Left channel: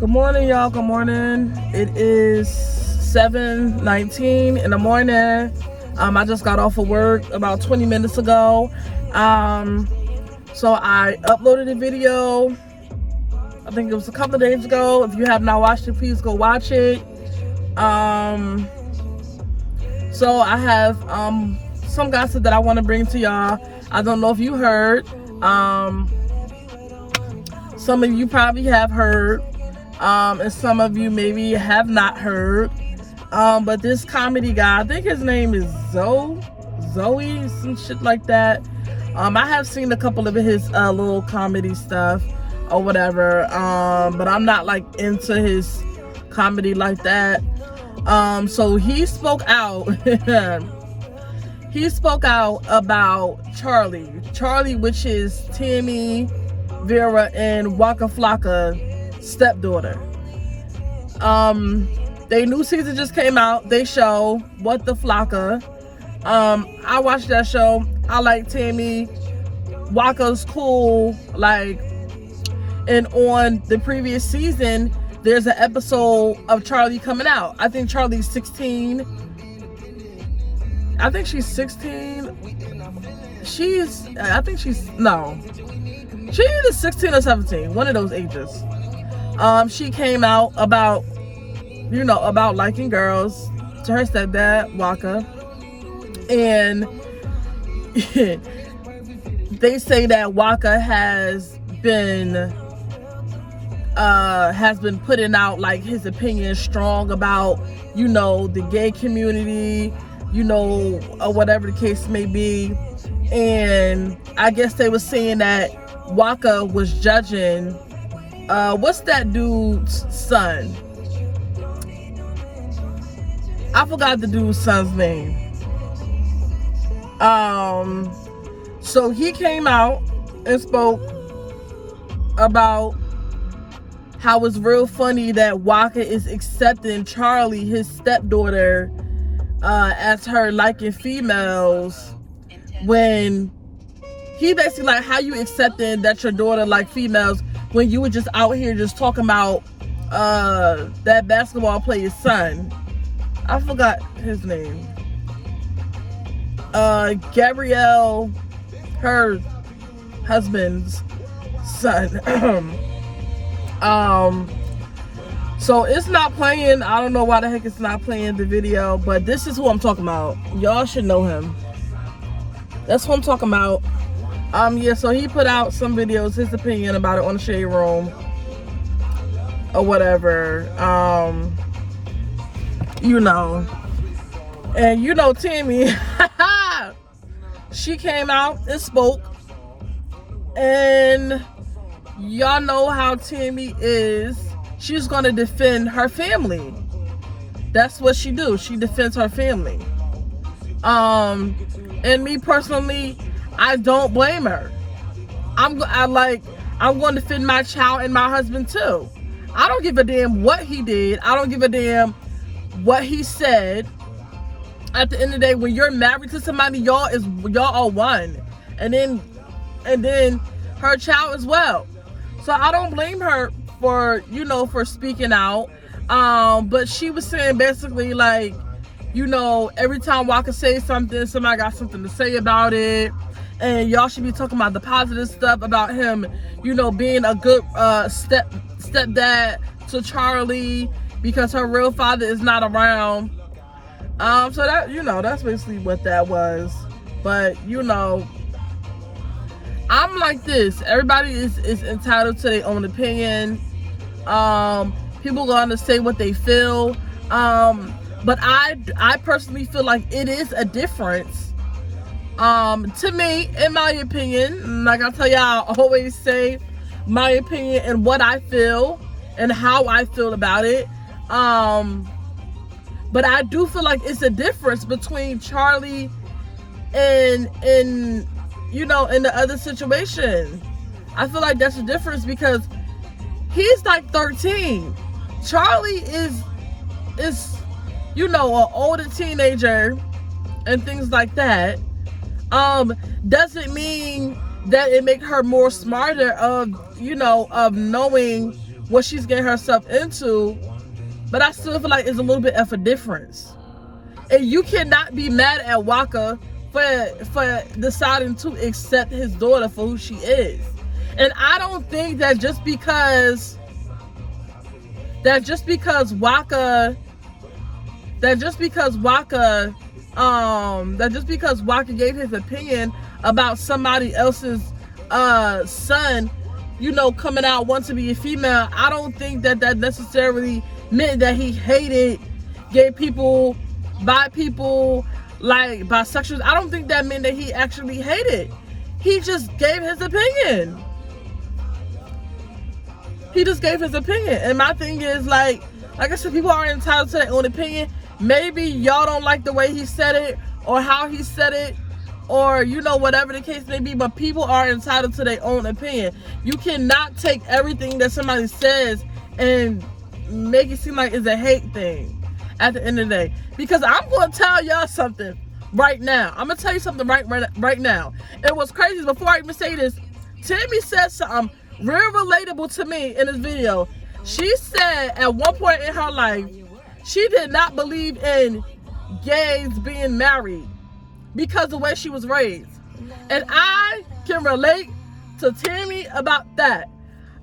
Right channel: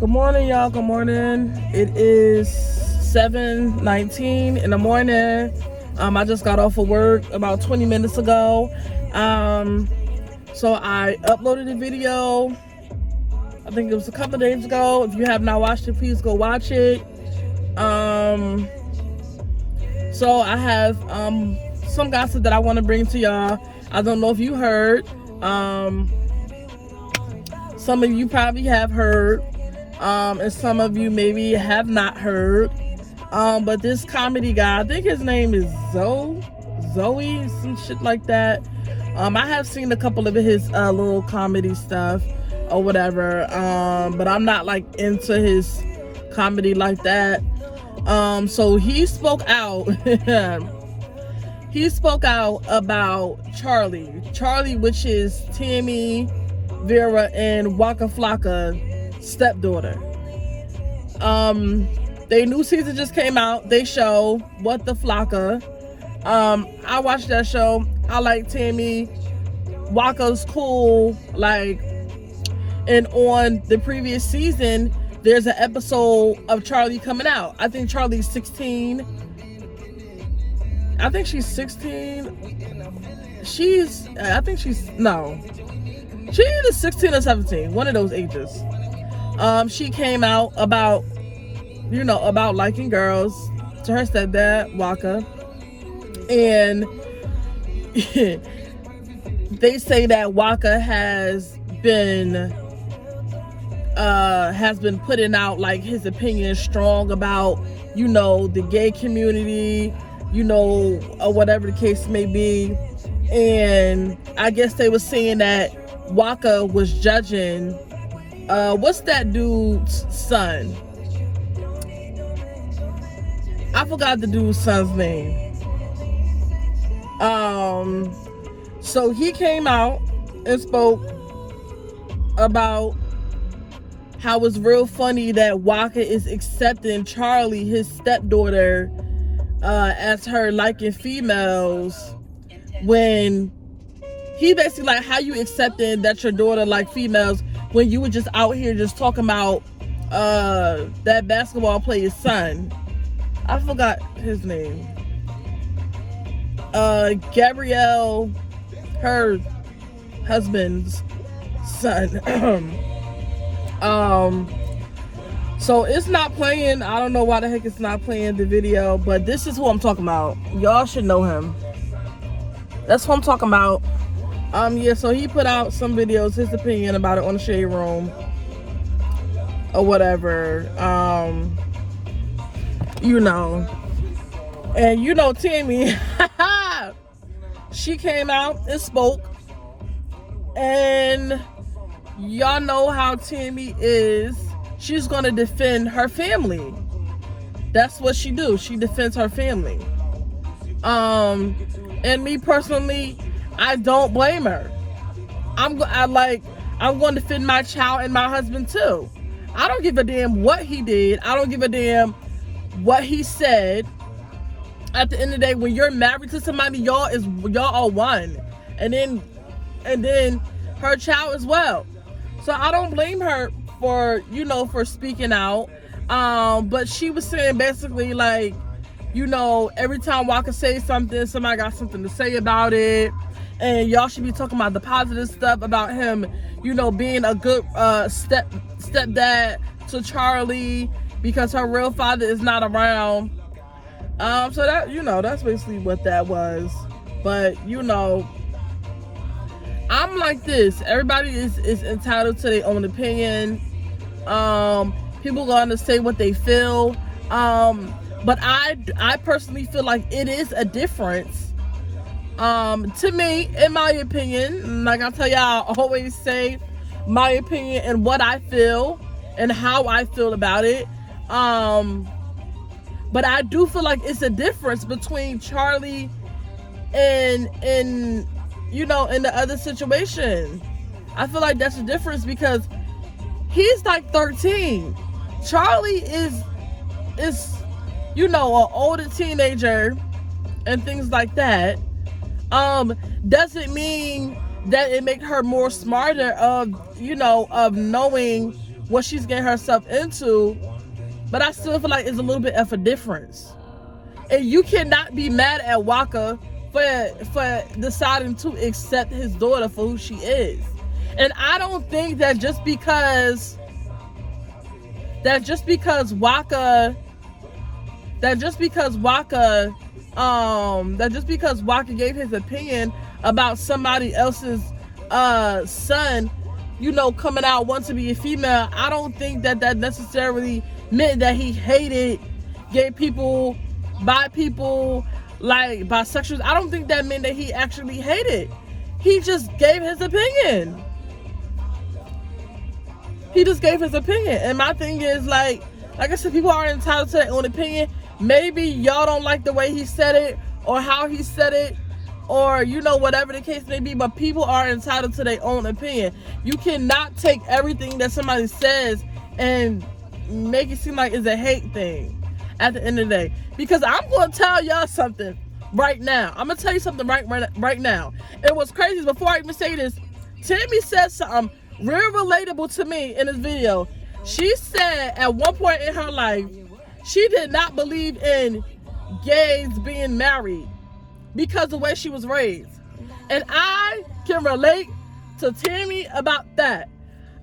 Good morning, y'all. Good morning. It is 7:19 in the morning. I just got off of work about 20 minutes ago. So I uploaded a video. I think it was a couple of days ago. If you have not watched it, please go watch it. So I have some gossip that I want to bring to y'all. I don't know if you heard. Some of you probably have heard. And some of you maybe have not heard. But this comedy guy, I think his name is Zoie, some shit like that. I have seen a couple of his little comedy stuff or whatever. But I'm not like into his comedy like that. So he spoke out. He spoke out about Charlie, which is Tammy Rivera and Waka Flocka stepdaughter. Their new season just came out. They show What the Flocka. I watched that show. I like Tammy. Waka's cool. Like, and on the previous season, there's an episode of Charlie coming out. I think Charlie's 16. I think she's 16. She's either 16 or 17. One of those ages. She came out about liking girls to her stepdad, Waka. And they say that Waka has been putting out like his opinion strong about, the gay community, or whatever the case may be. And I guess they were saying that Waka was judging what's that dude's son? I forgot the dude's son's name. So he came out and spoke about how it's real funny that Waka is accepting Charlie, his stepdaughter, as her liking females, when he basically like, how you accepting that your daughter like females when you were just out here just talking about that basketball player's son. I forgot his name. Gabrielle, her husband's son. So it's not playing. I don't know why the heck it's not playing the video, but this is who I'm talking about. Y'all should know him. That's who I'm talking about. Yeah, so he put out some videos, his opinion about it on the Shade Room or whatever. And Tammy, she came out and spoke, and y'all know how Tammy is. She's gonna defend her family. That's what she do. She defends her family. And me personally, I don't blame her. I'm going to defend my child and my husband too. I don't give a damn what he did. I don't give a damn what he said. At the end of the day, when you're married to somebody, y'all are one. And then her child as well. So I don't blame her for speaking out. But she was saying basically like, every time Waka says something, somebody got something to say about it. And y'all should be talking about the positive stuff about him, being a good stepdad to Charlie because her real father is not around. So that, that's basically what that was. But, I'm like this. Everybody is entitled to their own opinion. People going to say what they feel. But I personally feel like it is a difference. To me, in my opinion, like I tell y'all, I always say my opinion and what I feel and how I feel about it. But I do feel like it's a difference between Charlie and in the other situation. I feel like that's a difference because he's like 13. Charlie is an older teenager and things like that. Doesn't mean that it make her more smarter of knowing what she's getting herself into, but I still feel like it's a little bit of a difference. And you cannot be mad at Waka for deciding to accept his daughter for who she is. And I don't think that just because Waka gave his opinion about somebody else's son, you know, coming out wanting to be a female, I don't think that necessarily meant that he hated gay people, bi people, like bisexuals. I don't think that meant that he actually hated. He just gave his opinion. And my thing is, like I said, people are entitled to their own opinion. Maybe y'all don't like the way he said it or how he said it, or, you know, whatever the case may be, but people are entitled to their own opinion. You cannot take everything that somebody says and make it seem like it's a hate thing at the end of the day. Because I'm going to tell y'all something right now. I'm going to tell you something right now. And what's crazy is, before I even say this, Tammy said something real relatable to me in this video. She said at one point in her life, she did not believe in gays being married because of the way she was raised. And I can relate to Tammy about that.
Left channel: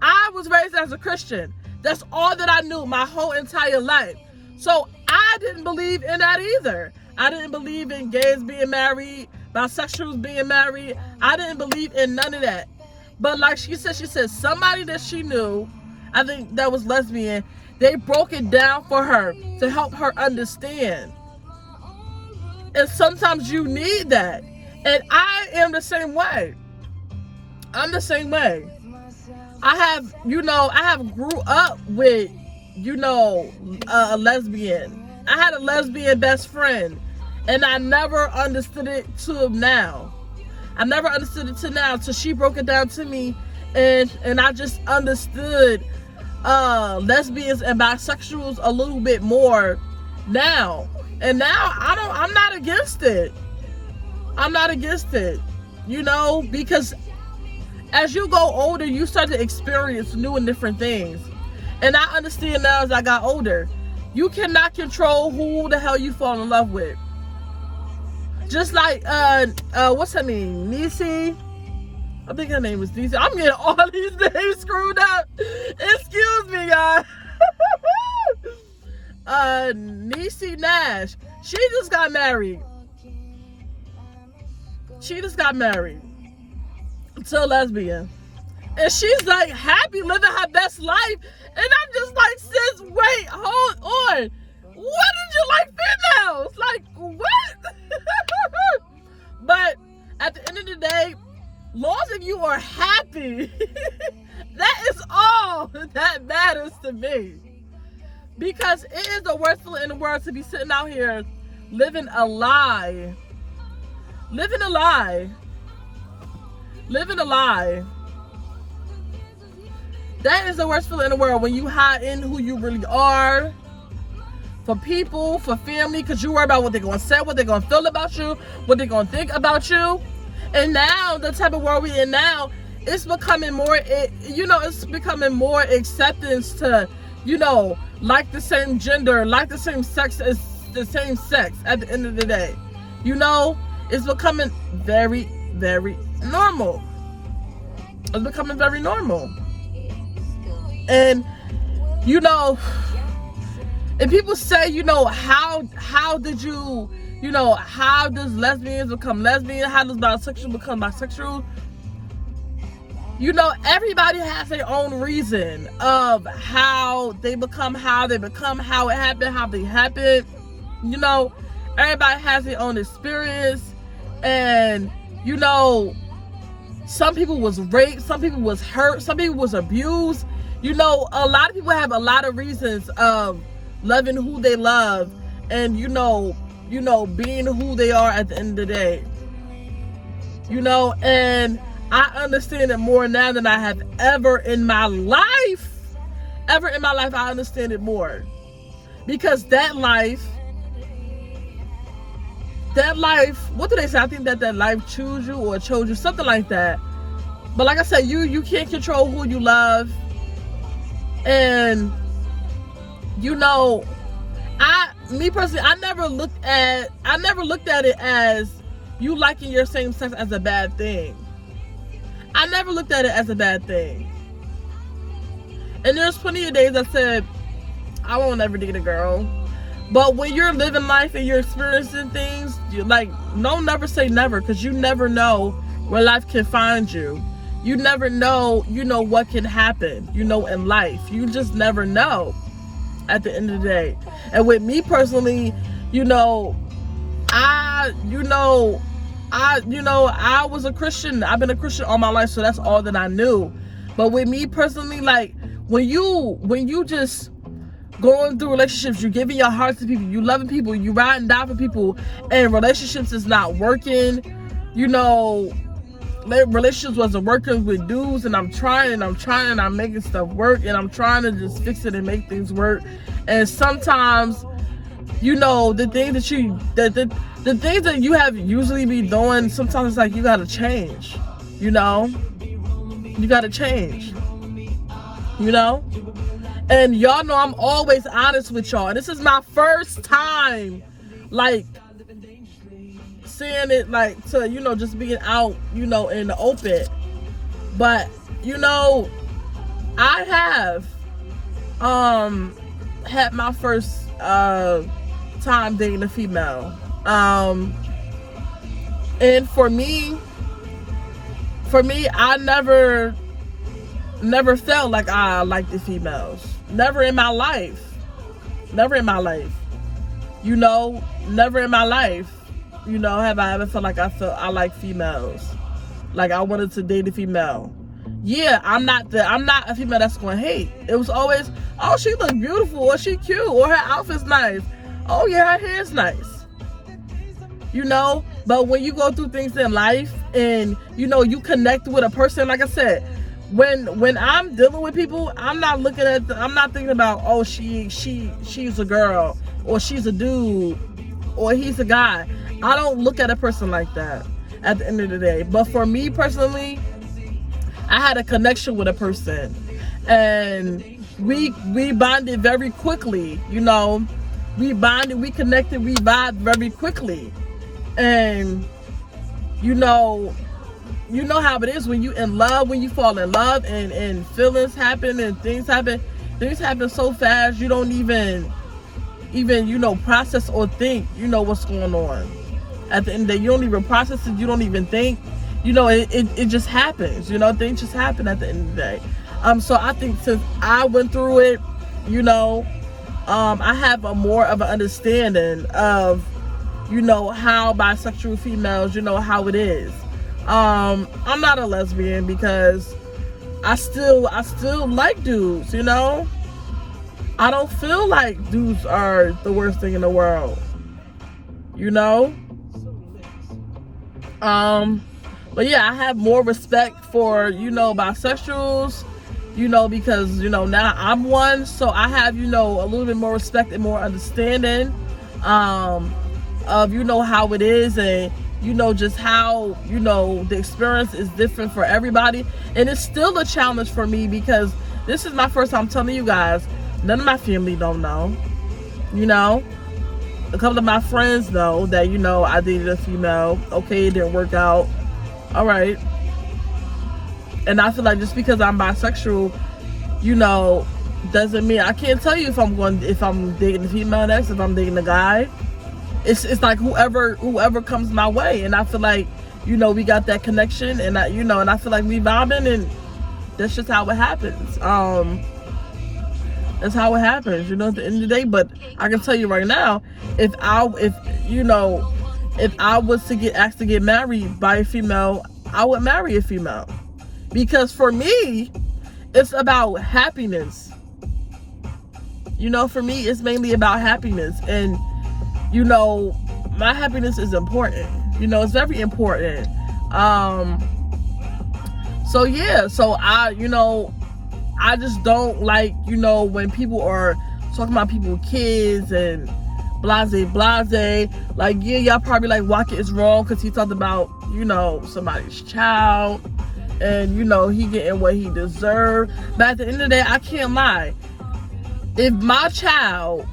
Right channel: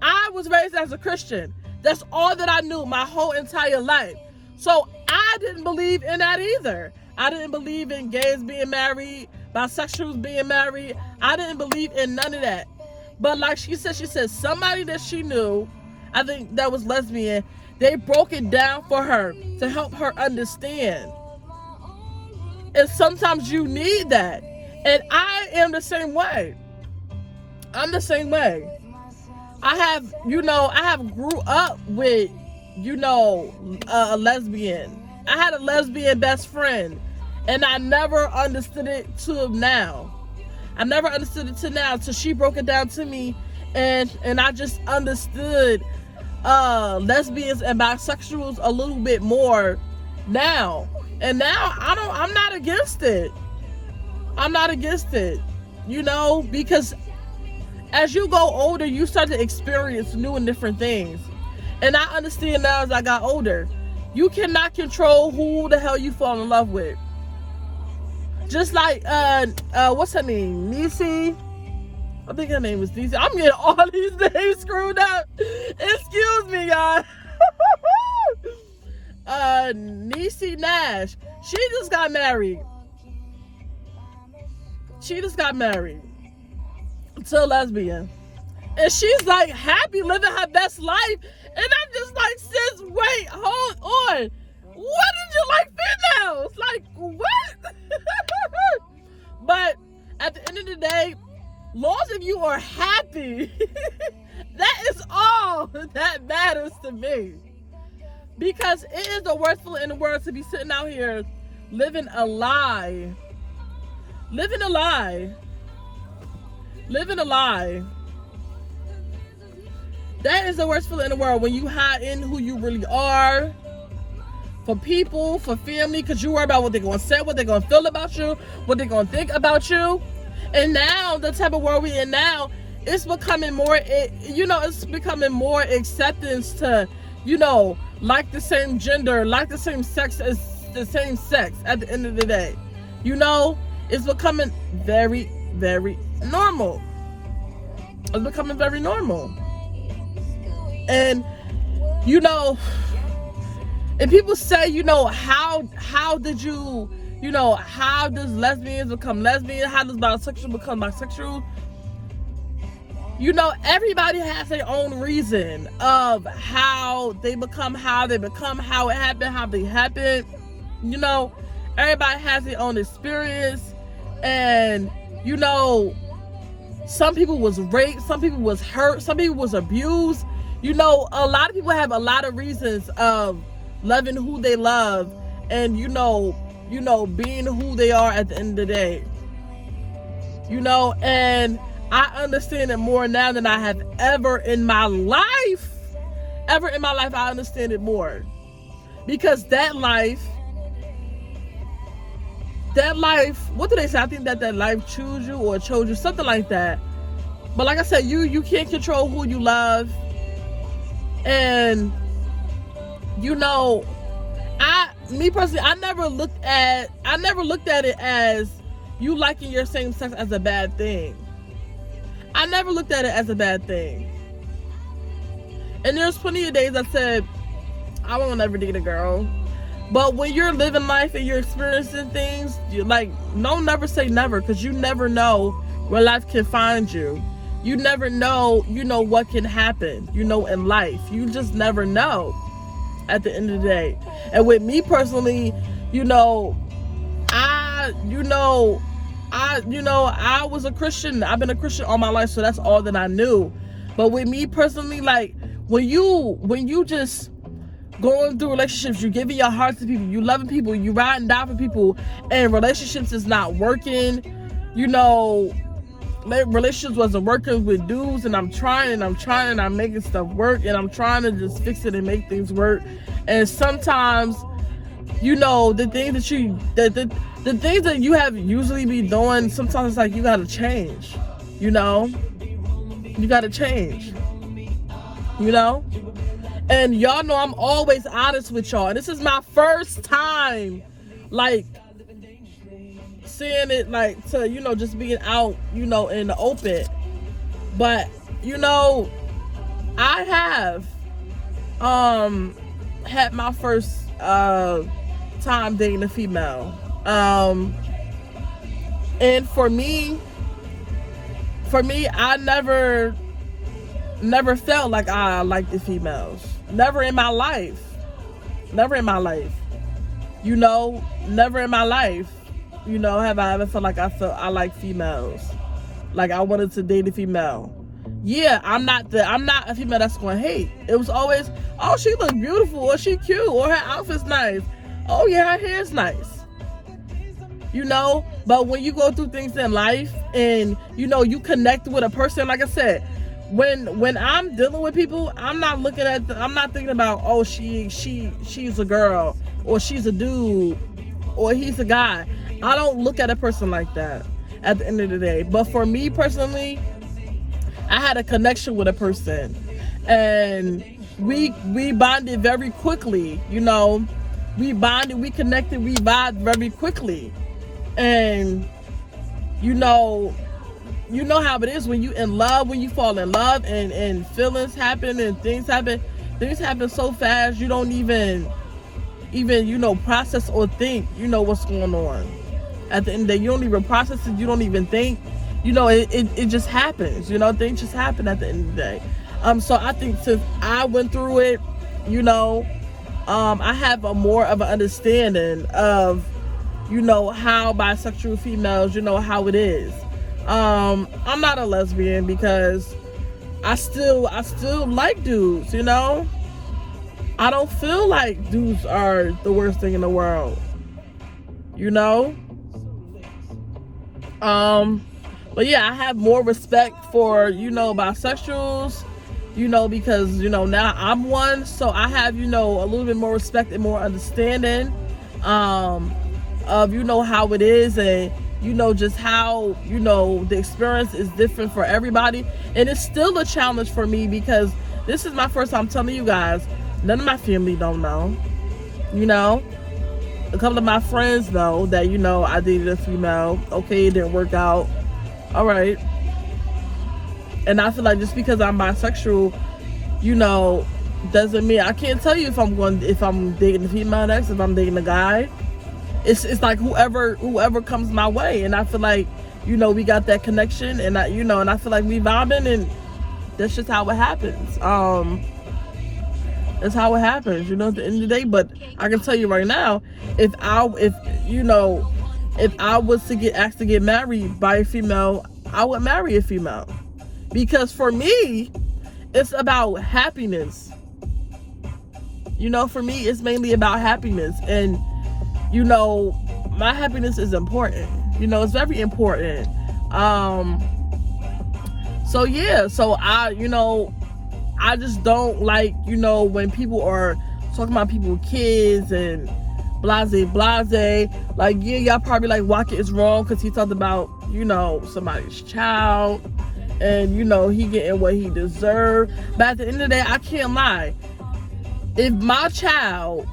I was raised as a Christian. That's all that I knew my whole entire life. So I didn't believe in that either. I didn't believe in gays being married, bisexuals being married. I didn't believe in none of that. But like she said somebody that she knew, I think that was lesbian, they broke it down for her to help her understand. And sometimes you need that. And I am the same way. I'm the same way. I have grew up with, a lesbian. I had a lesbian best friend, and I never understood it till now. I never understood it till now, till she broke it down to me, and I just understood lesbians and bisexuals a little bit more now. And now I'm not against it. I'm not against it, because as you go older, you start to experience new and different things. And I understand now as I got older, you cannot control who the hell you fall in love with. Just like, what's her name? Niecy? I think her name was Niecy. I'm getting all these names screwed up. Excuse me, y'all. Niecy Nash. She just got married. To a lesbian. And she's like happy living her best life. And I'm just like, sis, wait, hold on. What did you like females? Like, what? But at the end of the day, long as you are happy, that is all that matters to me. Because it is the worst feeling in the world to be sitting out here living a lie. Living a lie. That is the worst feeling in the world, when you hide in who you really are for people, for family, because you worry about what they're going to say, what they're going to feel about you, what they're going to think about you. And now, the type of world we're in now, it's becoming more, it's becoming more acceptance to, like the same gender, like the same sex as the same sex at the end of the day. It's becoming very, very normal. It's becoming very normal. And, and people say, how does lesbians become lesbian? How does bisexual become bisexual? Everybody has their own reason of how they become, how it happened, how they happened. Everybody has their own experience. And, some people was raped, some people was hurt, some people was abused. A lot of people have a lot of reasons of loving who they love and, being who they are at the end of the day. And I understand it more now than I have ever in my life. I understand it more. Because that life, what do they say? I think that life chose you or chose you, something like that. But like I said, you can't control who you love. And, you know, me personally, I never looked at it as you liking your same sex as a bad thing. I never looked at it as a bad thing. And there's plenty of days I said, I won't ever date a girl. But when you're living life and you're experiencing things, you're like, no, never say never, because you never know where life can find you. You never know, what can happen, in life. You just never know at the end of the day. And with me personally, I was a Christian. I've been a Christian all my life, so that's all that I knew. But with me personally, like, when you just going through relationships, you're giving your heart to people, you loving people, you riding down for people, and relationships is not working, relationships wasn't working with dudes, and I'm trying, I'm making stuff work, and I'm trying to just fix it and make things work. And sometimes, the things the things that you have usually be doing, sometimes it's like you gotta change, you gotta change, and y'all know I'm always honest with y'all. And this is my first time, like, saying it, like, to, just being out, in the open. But, I have, had my first, time dating a female. And for me, I never felt like I liked the females. Never in my life. Never in my life. Have I ever felt like I like females. Like I wanted to date a female. Yeah, I'm not a female that's gonna hate. It was always, oh, she look beautiful, or she cute, or her outfit's nice. Oh yeah, her hair's nice. But when you go through things in life and you connect with a person, like I said, when I'm dealing with people, I'm not thinking about, oh, she's a girl, or she's a dude, or he's a guy. I don't look at a person like that at the end of the day. But for me personally, I had a connection with a person, and we bonded very quickly. We bonded, we connected, we vibed very quickly. And you know how it is when you in love, when you fall in love, and feelings happen and things happen so fast, you don't even process or think what's going on. At the end of the day, you don't even process it, you don't even think, it just happens. Things just happen at the end of the day. So I think since I went through it, I have a more of an understanding of how bisexual females, how it is. I'm not a lesbian because I still like dudes, I don't feel like dudes are the worst thing in the world, but yeah, I have more respect for, bisexuals, because, now I'm one, so I have, a little bit more respect and more understanding, of, how it is, and, just how, the experience is different for everybody. And it's still a challenge for me because this is my first time telling you guys. None of my family don't know, a couple of my friends know that, I dated a female. Okay, it didn't work out. All right. And I feel like just because I'm bisexual, doesn't mean I can't tell you if I'm dating a female next, if I'm dating a guy. It's like whoever comes my way, and I feel like we got that connection, and I feel like we vibing, and that's just how it happens. That's how it happens, at the end of the day. But I can tell you right now, if I was to get asked to get married by a female, I would marry a female, because for me, it's about happiness. For me, it's mainly about happiness, and my happiness is important. It's very important. So yeah, so I just don't like, when people are talking about people's kids and blase. Like, yeah, y'all probably like, Walker is wrong because he talked about, somebody's child and you know, he getting what he deserved. But at the end of the day, I can't lie. If my child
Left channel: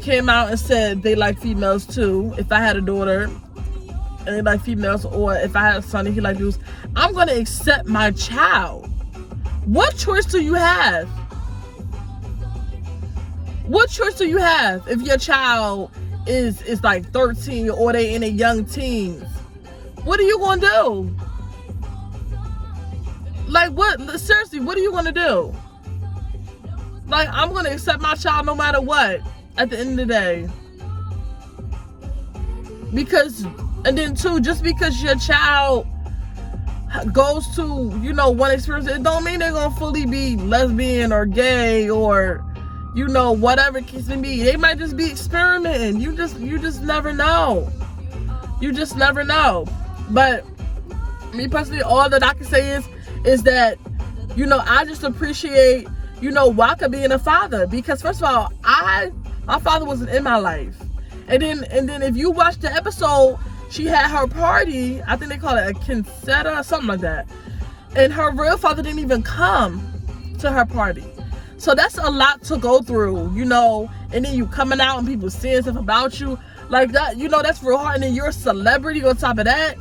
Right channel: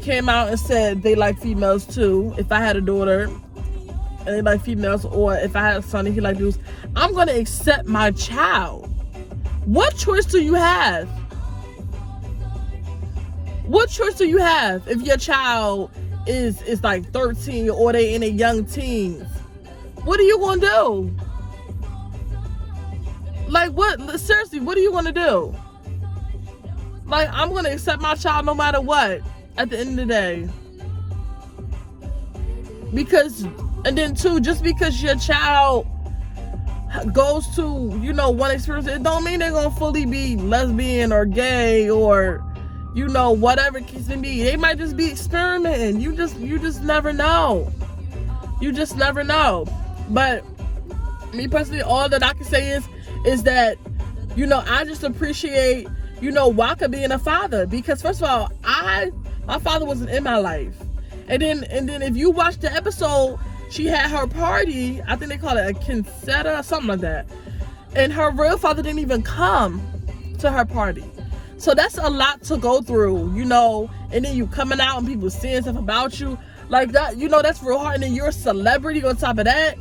came out and said they like females too, if I had a daughter and they like females, or if I had a son and he like dudes, I'm gonna accept my child. What choice do you have? What choice do you have if your child is like 13 or they in a young teens? What are you gonna do? Like, what? Seriously, what are you gonna do? Like, I'm gonna accept my child no matter what at the end of the day. Because, and then too, just because your child goes to, you know, one experience, it don't mean they're gonna fully be lesbian or gay or, you know, whatever it case may be. They might just be experimenting. You just never know. You just never know. But me personally, all that I can say is that, you know, I just appreciate, you know, Waka being a father. Because first of all, my father wasn't in my life. And then if you watch the episode, she had her party, I think they call it a quinceañera or something like that. And her real father didn't even come to her party. So that's a lot to go through, you know, and then you coming out and people saying stuff about you like that, you know, that's real hard. And then you're a celebrity on top of that.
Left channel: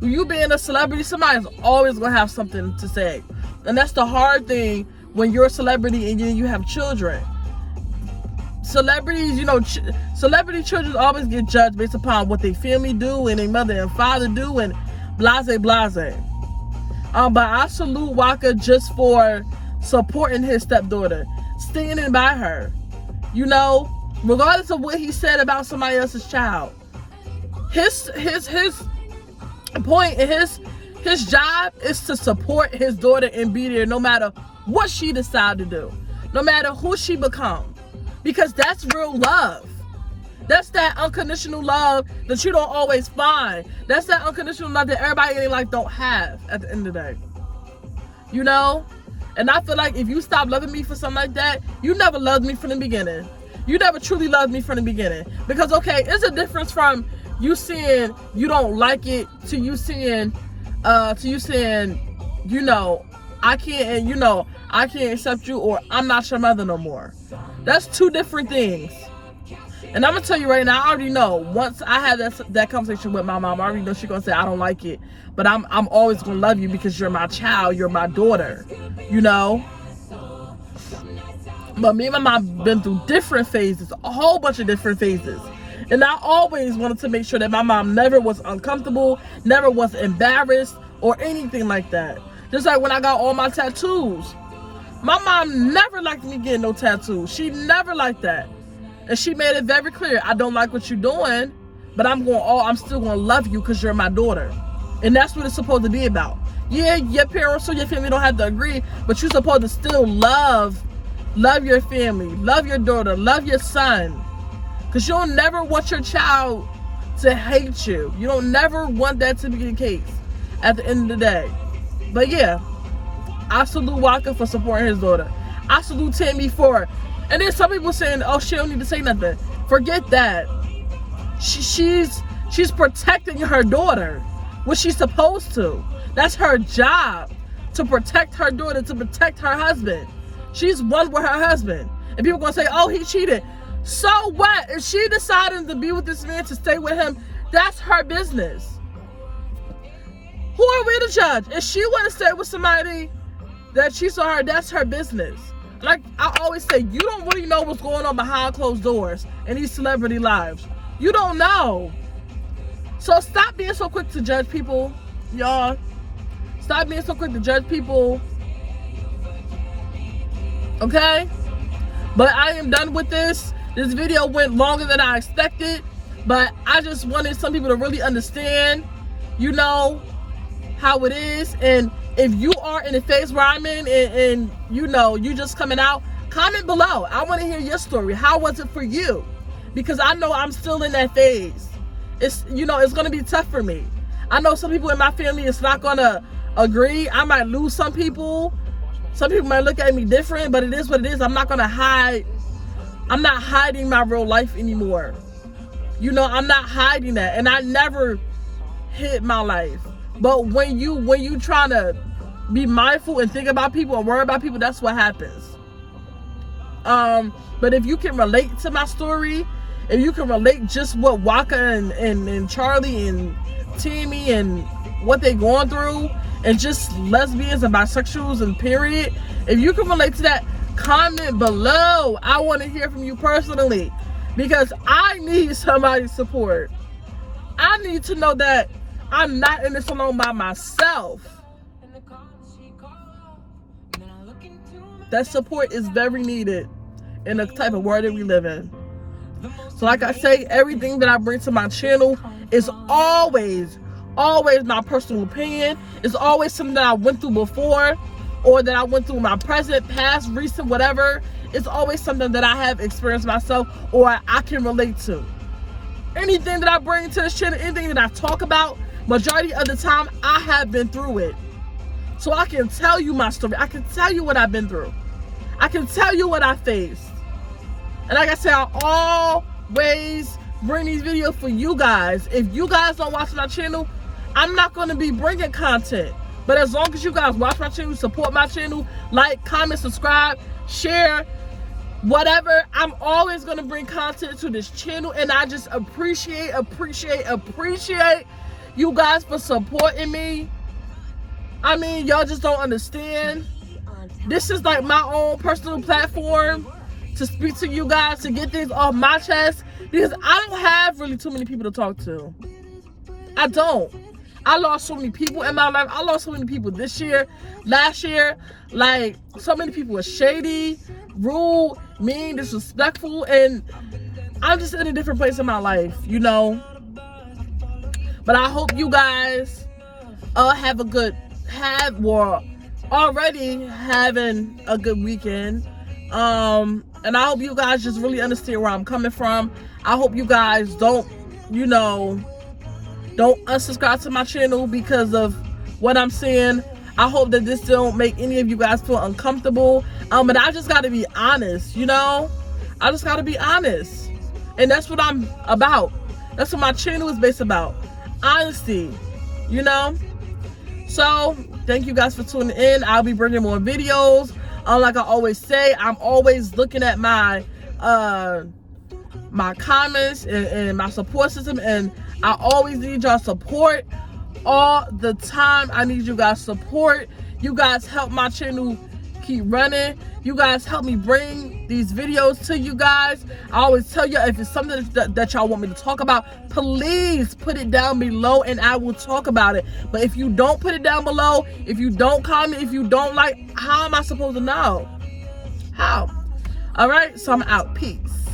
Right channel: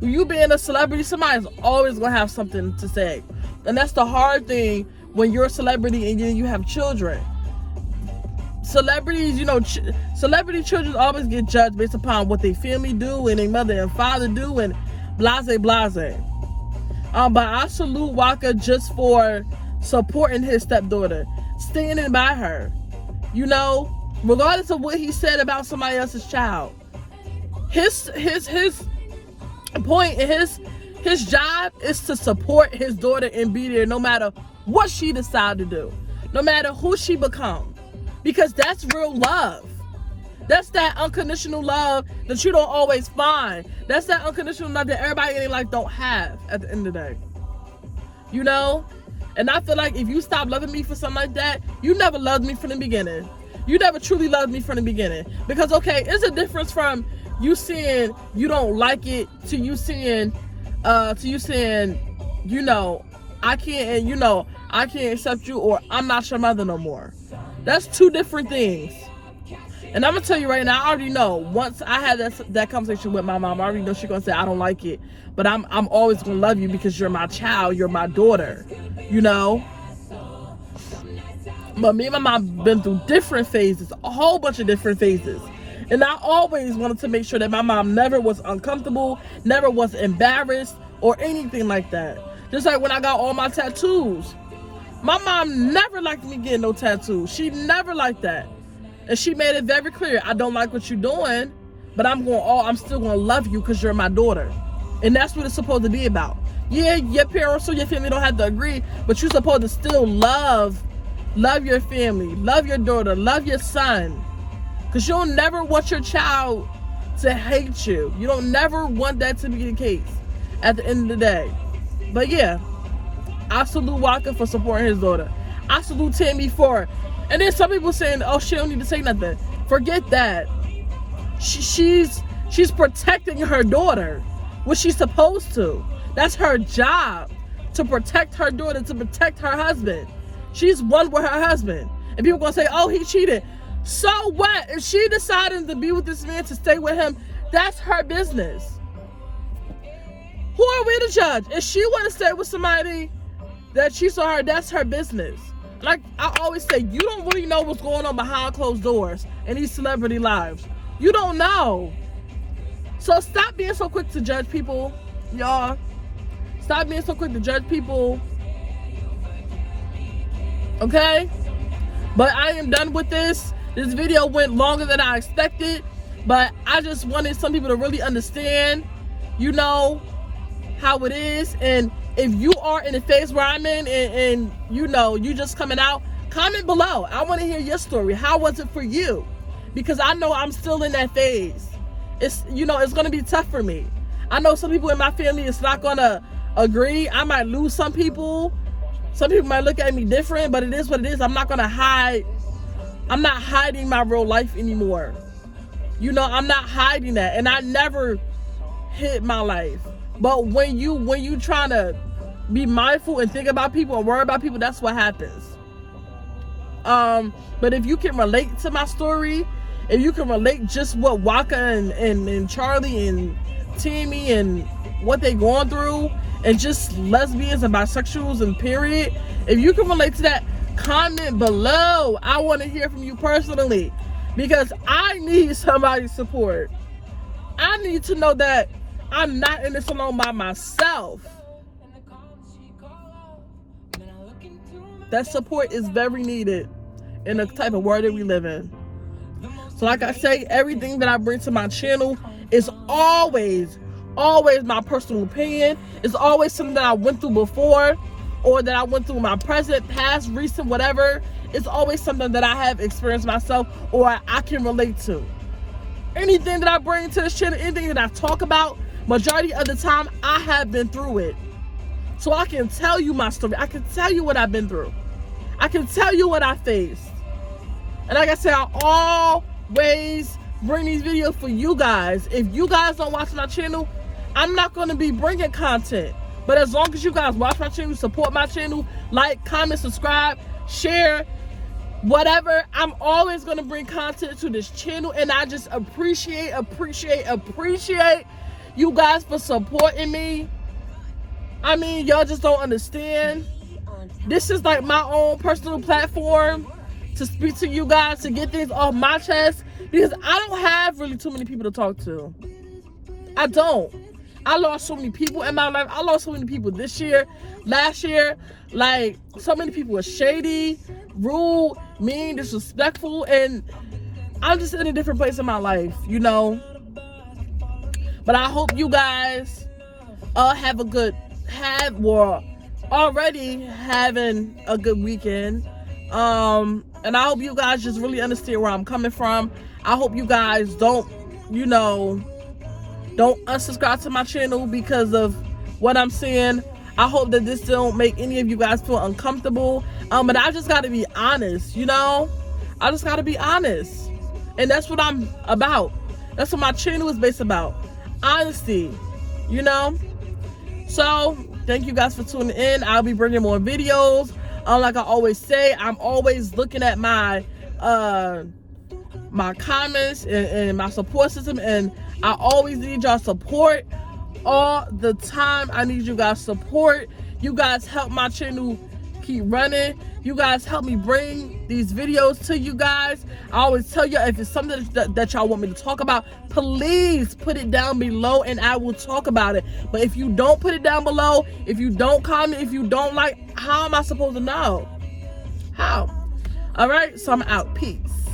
You being a celebrity, somebody's always gonna have something to say. And that's the hard thing when you're a celebrity and then you have children. Celebrities, you know, celebrity children always get judged based upon what their family do and their mother and father do and blase. But I salute Waka just for supporting his stepdaughter, standing by her, you know, regardless of what he said about somebody else's child. His point and his job is to support his daughter and be there no matter what she decide to do, no matter who she become, because that's real love. That's that unconditional love that you don't always find. That's that unconditional love that everybody in their life don't have at the end of the day, you know. And I feel like if you stop loving me for something like that, you never loved me from the beginning. You never truly loved me from the beginning. Because, okay, it's a difference from you saying you don't like it to you saying, you know, I can't accept you, or I'm not your mother no more. That's two different things. And I'm gonna tell you right now, I already know. Once I had that conversation with my mom, I already know she's gonna say I don't like it, but I'm always gonna love you because you're my child, you're my daughter, you know. But me and my mom been through different phases, a whole bunch of different phases, and I always wanted to make sure that my mom never was uncomfortable, never was embarrassed or anything like that. Just like when I got all my tattoos, my mom never liked me getting no tattoos. She never liked that. And she made it very clear, I don't like what you're doing, but I'm still gonna love you because you're my daughter. And that's what it's supposed to be about. Yeah, your parents or your family don't have to agree, but you're supposed to still love your family, love your daughter, love your son. Because you don't never want your child to hate you. You don't never want that to be the case at the end of the day. But yeah, I salute Waka for supporting his daughter. I salute Tammy for. And then some people saying, oh, she don't need to say nothing. Forget that. She's protecting her daughter, which she's supposed to. That's her job, to protect her daughter, to protect her husband. She's one with her husband. And people gonna say, oh, he cheated. So what? If she decided to be with this man, to stay with him, that's her business. Who are we to judge? If she want to stay with somebody that cheats on her, that's her business. Like I always say, you don't really know what's going on behind closed doors in these celebrity lives. You don't know. So stop being so quick to judge people, y'all. Stop being so quick to judge people. Okay? But I am done with this. This video went longer than I expected. But I just wanted some people to really understand, you know, how it is. And if you are in the phase where I'm in and you know, you just coming out, comment below. I want to hear your story. How was it for you? Because I know I'm still in that phase. It's, you know, it's going to be tough for me. I know some people in my family is not going to agree. I might lose some people. Some people might look at me different, but it is what it is. I'm not going to hide. I'm not hiding my real life anymore. You know, I'm not hiding that. And I never hid my life. But when you trying to be mindful and think about people and worry about people, that's what happens. But if you can relate to my story, if you can relate just what Waka and Charlie and Tammy and what they going through, and just lesbians and bisexuals and period, if you can relate to that, comment below. I want to hear from you personally, because I need somebody's support. I need to know that I'm not in this alone by myself. That support is very needed in the type of world that we live in. So like I say, everything that I bring to my channel is always my personal opinion. It's always something that I went through before, or that I went through in my present, past, recent, whatever. It's always something that I have experienced myself, or I can relate to. Anything that I bring to this channel, anything that I talk about, majority of the time, I have been through it. So I can tell you my story. I can tell you what I've been through. I can tell you what I faced. And like I said, I always bring these videos for you guys. If you guys don't watch my channel, I'm not going to be bringing content. But as long as you guys watch my channel, support my channel, like, comment, subscribe, share, whatever, I'm always going to bring content to this channel. And I just appreciate you guys for supporting me. I mean, y'all just don't understand. This is like my own personal platform to speak to you guys, to get things off my chest, because I don't have really too many people to talk to. I don't. I lost so many people in my life. I lost so many people this year, last year. Like, so many people were shady, rude, mean, disrespectful, and I'm just in a different place in my life, you know. But I hope you guys already having a good weekend. And I hope you guys just really understand where I'm coming from. I hope you guys don't unsubscribe to my channel because of what I'm saying. I hope that this don't make any of you guys feel uncomfortable. But I just gotta be honest, you know? I just gotta be honest. And that's what I'm about. That's what my channel is based about. Honesty, you know? So, thank you guys for tuning in. I'll be bringing more videos. Like I always say, I'm always looking at my comments and my support system, and I always need y'all support all the time. I need you guys support. You guys help my channel keep running. You guys help me bring these videos to you guys. I always tell you, if it's something that y'all want me to talk about, please put it down below and I will talk about it. But if you don't put it down below, if you don't comment, if you don't like, how am I supposed to know? How? All right, so I'm out. Peace.